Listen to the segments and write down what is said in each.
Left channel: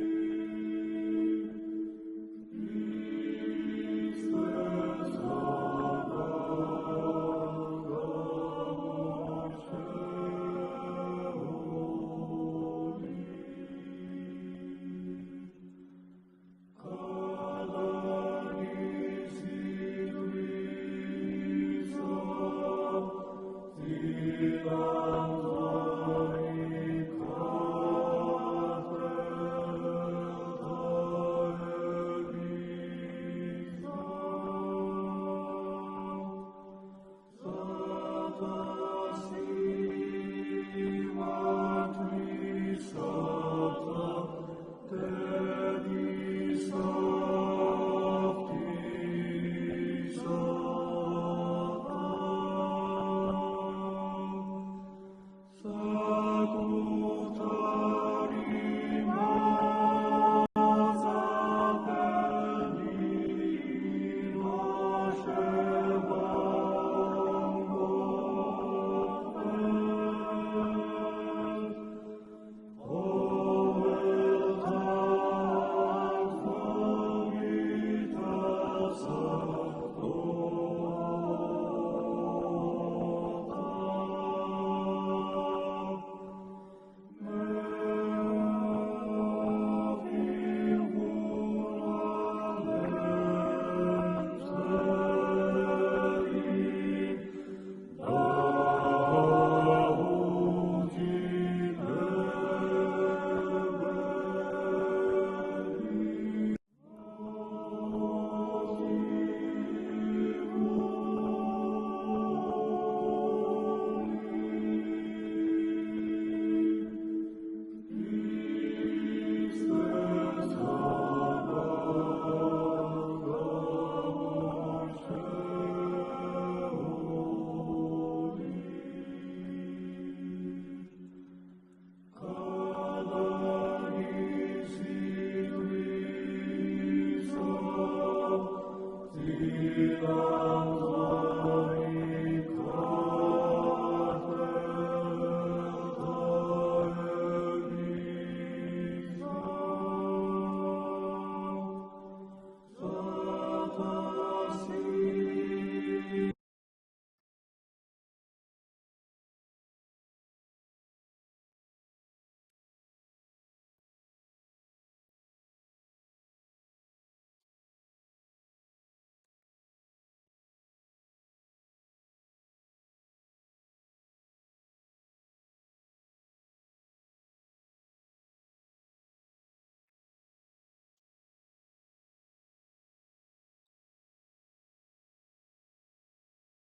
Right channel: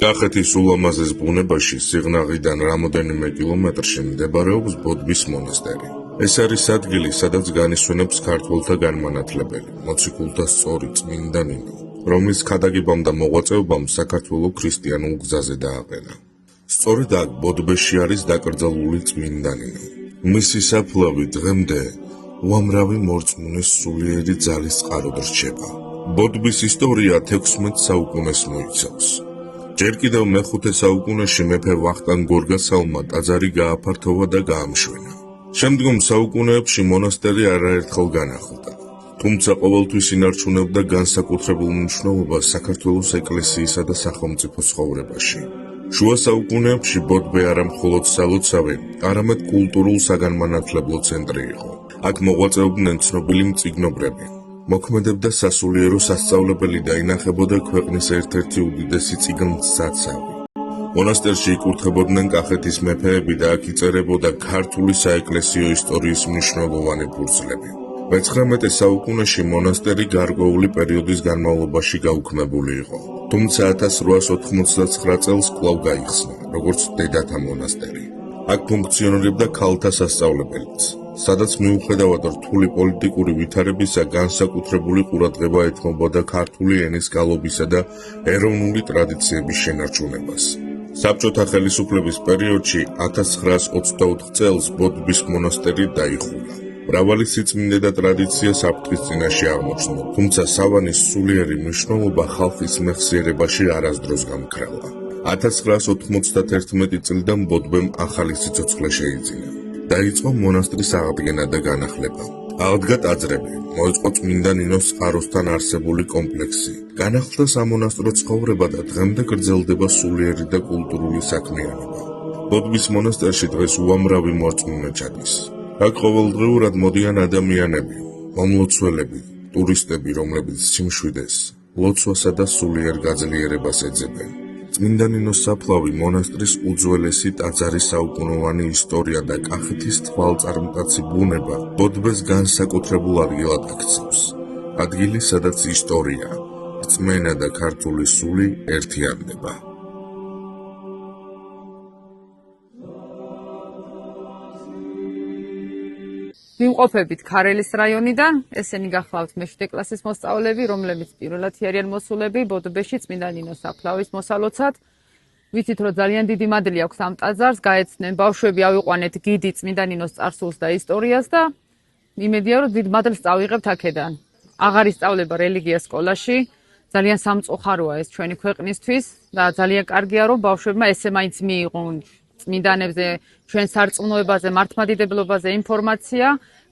კახეთის ულამაზეს ბუნებაში სიღნაღიდან რამოდენიმე კილომეტრში მდებარეობს ბოდბის მონასტერი. ეს არის ადგილი, სადაც განისვენებს ქართველთა განმანათლებელი, მოციქულთა სწორი წმინდა ნინო, რომლის ქადაგებამ და მოღვაწეობამ საქართველო ქრისტიანულ გზაზე დააყენა. სწორედ აქ ბოდბეში არის დაკრძალული წმინდა ნინო. მისი საფლავი დღემდე უამრავი მორწმუნის სულიერი ძალის წყაროდ რჩება. ბოდბის ისტორია 16 საუკუნეს მოიცავს. ჯერ კიდევ მე-5 საუკუნეში მეფე ვახტანგ გორგასალმა ტაძარი გააფართოვა და გაამშვენა. შემდგომ საუკუნეებში მონასტერი არაერთხელ განახლდა, თუმცა ყოველთვის ინარჩუნებდა განსაკუთრებულ მნიშვნელობას საქართველოს ეკლესიისა და სახელმწიფო ცხოვრებაში. შუა საუკუნეებში ბოდბე არა მხოლოდ სალოცავი, არამედ კულტურულ საგანმანათლებლო ცენტრი იყო. აქ მოღვაწეობდნენ ცნობილი მწიგნობრები. მოქმედებდა სასულიერო სასწავლებელი და ინახებოდა ქვეყნის ერთ-ერთი უდიდესი წიგნთსაცავი. მონასტერში იკურთხებოდნენ კახეთის მეფეები და აქ იწერებოდა ქართული საეკლესიო ისტორიის მნიშვნელოვანი ფურცლები. მე-19 საუკუნეში მონასტერი გარკვეული პერიოდის განმავლობაში გაუქმებული იყო, თუმცა 1899 წელს კვლავ გაიხსნა, როგორც დედათა მონასტერი. აქ ფუნქციონირებდა ქალთა სასწავლებელიც, სადაც მიუხედავად რთული პოლიტიკური ვითარებისა განსაკუთრებული ყურადღება ეთმობოდა ქართული ენის გალობისა და ეროვნული ტრადიციების შენარჩუნებას. საბჭოთა ხელისუფლების პერიოდში 1924 წელს ბოდბის მონასტერი დაიხურა. მრავალი სიწმინდე და ტრადიცია საფრთხის წინაშე აღმოჩნდა, თუმცა სავანის სულიერი მნიშვნელობა ხალხის მეხსიერებაში არასდროს გამქრალა. 1991 წლიდან ბოდბემ ახალი სიცოცხლე შეიძინა. დაიწყო მონასტრის აღდგენა და განახლება. აღდგა ტაძრები, მოეწყო წმინდა ნინოს წყაროსთან არსებული კომპლექსი. განახლდა სამონასტრო ცხოვრება და დღემდე გრძელდება სულიერი და კულტურული საქმიანობა. ბოდბის მონასტერში დღეს უამრავი მორწმუნე ჩადის. აქ ყოველდღიურად მოდიან ადამიანები, მომლოცველები, ტურისტები, რომლებიც სიმშვიდეს, ლოცვასა და სულიერ გაძლიერებას ეძებენ. წმინდა ნინოს საფლავი მონასტრის უძველესი ტაძარი საუკუნოვანი ისტორია და კახეთის თვალწარმტაცი ბუნება ბოდბეს განსაკუთრებულ ადგილად აქცევს. ადგილი, სადაც ისტორია, რწმენა და ქართული სული ერთიანდება. ვიმყოფებით ქარელის რაიონიდან, ესენი გახლავთ მე-7 კლასის მოსწავლეები, რომლებიც პირველად არიან მოსულები ბოდბეში წმინდა ნინოს საფლავის მოსალოცად. ვიცით, რომ ძალიან დიდი მადლი აქვს ამ ტაძარს, გაეცნენ ბავშვები ავიყვანეთ გიდი წმინდა ნინოს წარსულს და ისტორიას და იმედია, რომ დიდ მადლს წავიღებთ აქედან. აღარ ისწავლება რელიგია სკოლაში, ძალიან სამწუხაროა ეს ჩვენი ქვეყნისთვის და ძალიან კარგია, რომ ბავშვებმა ესე მაინც მიიღონ წმინდანებზე, ჩვენ სარწმუნოებაზე, მართლმადიდებლობაზე ინფორმაცია,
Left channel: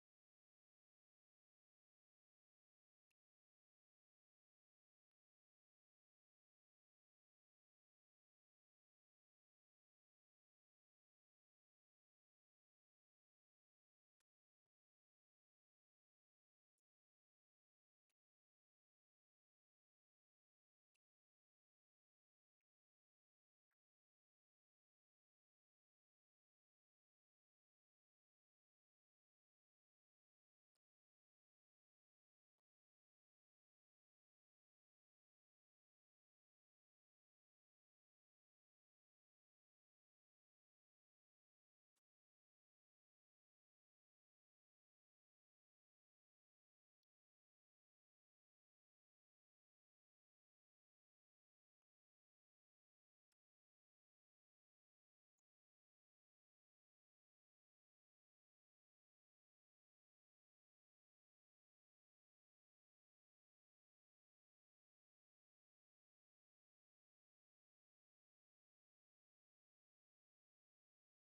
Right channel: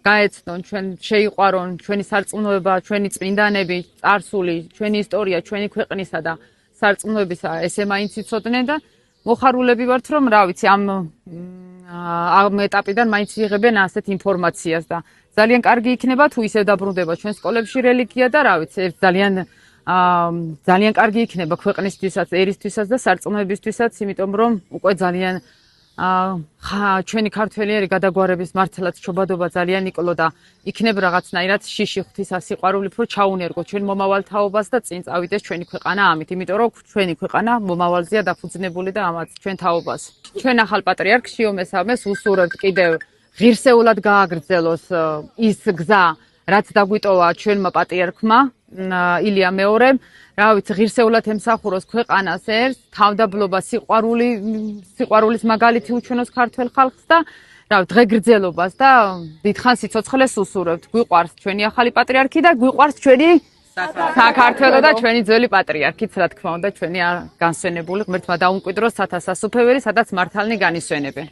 გაეცნონ, ჩვენ შეიყვარონ ჩვენი სარწმუნოება, ჩვენი წმინდანები, წარსული, ჩვენი ისტორია, ჩვენი ქვეყნისა და სარწმუნოებისა ესე მაინც იცოდნენ და მოხარულები ვართ, რომ რა ვიცი, ამ ეტაპიდან მაინც იღებენ ასეთ ინფორმაციას და ძალიან კარგი იქნება თუ ისე დაბრუნდება ჩვენ სკოლებში რელიგია და რა ვიცი, ძალიან კარგი იქნება ქვეყნისთვისაც, ერისთვისაც და სარწმუნოებისთვისაც, იმიტომ რომ უკვე ძალიან ჩვენი ქართველიერი გადაგვარების მართლაც ჩობადობა ძალიან იკლო და იქნებ რაღაცნაირად შიში ღვთისა სიყვარული, რომ ჩაუნერგო ჩვენ მომავალ თაობას და წინ წავიდეს ჩვენი ქვეყანა ამით, იმიტომ რომ ჩვენი ქვეყანა მომავალზეა დაფუძნებული და ამაც ჩვენ თაობას. ჩვენ ახალ პატრიარქ შიო მესამეს უსურვებთ კიდევ ღირსეულად გააგრძელოს ის გზა, რაც დაგვიტოვა ჩვენმა პატრიარქმა ილია მეორემ. რა ვიცი, ღირსეულად ემსახუროს ქვეყანას ერთს, თავდაბლობა სიყვარულის მაგალითი უჩვენოს ქართველ ხალხს და რა ვიცი, დღეგრძელობას და დიდხანს სიცოცხლეს უსურვებთ. გვიყვარს ჩვენი ახალი პატრიარქი და გვიყვარს ჩვენი საქართველო და ჩვენი ძველი პატრიარქიც, რა თქმა უნდა, ჩვენი განსვენებული ღმერთმა დაუმკვიდროს სათა სასუფეველი, სადაც მართალნი განისვენებენ.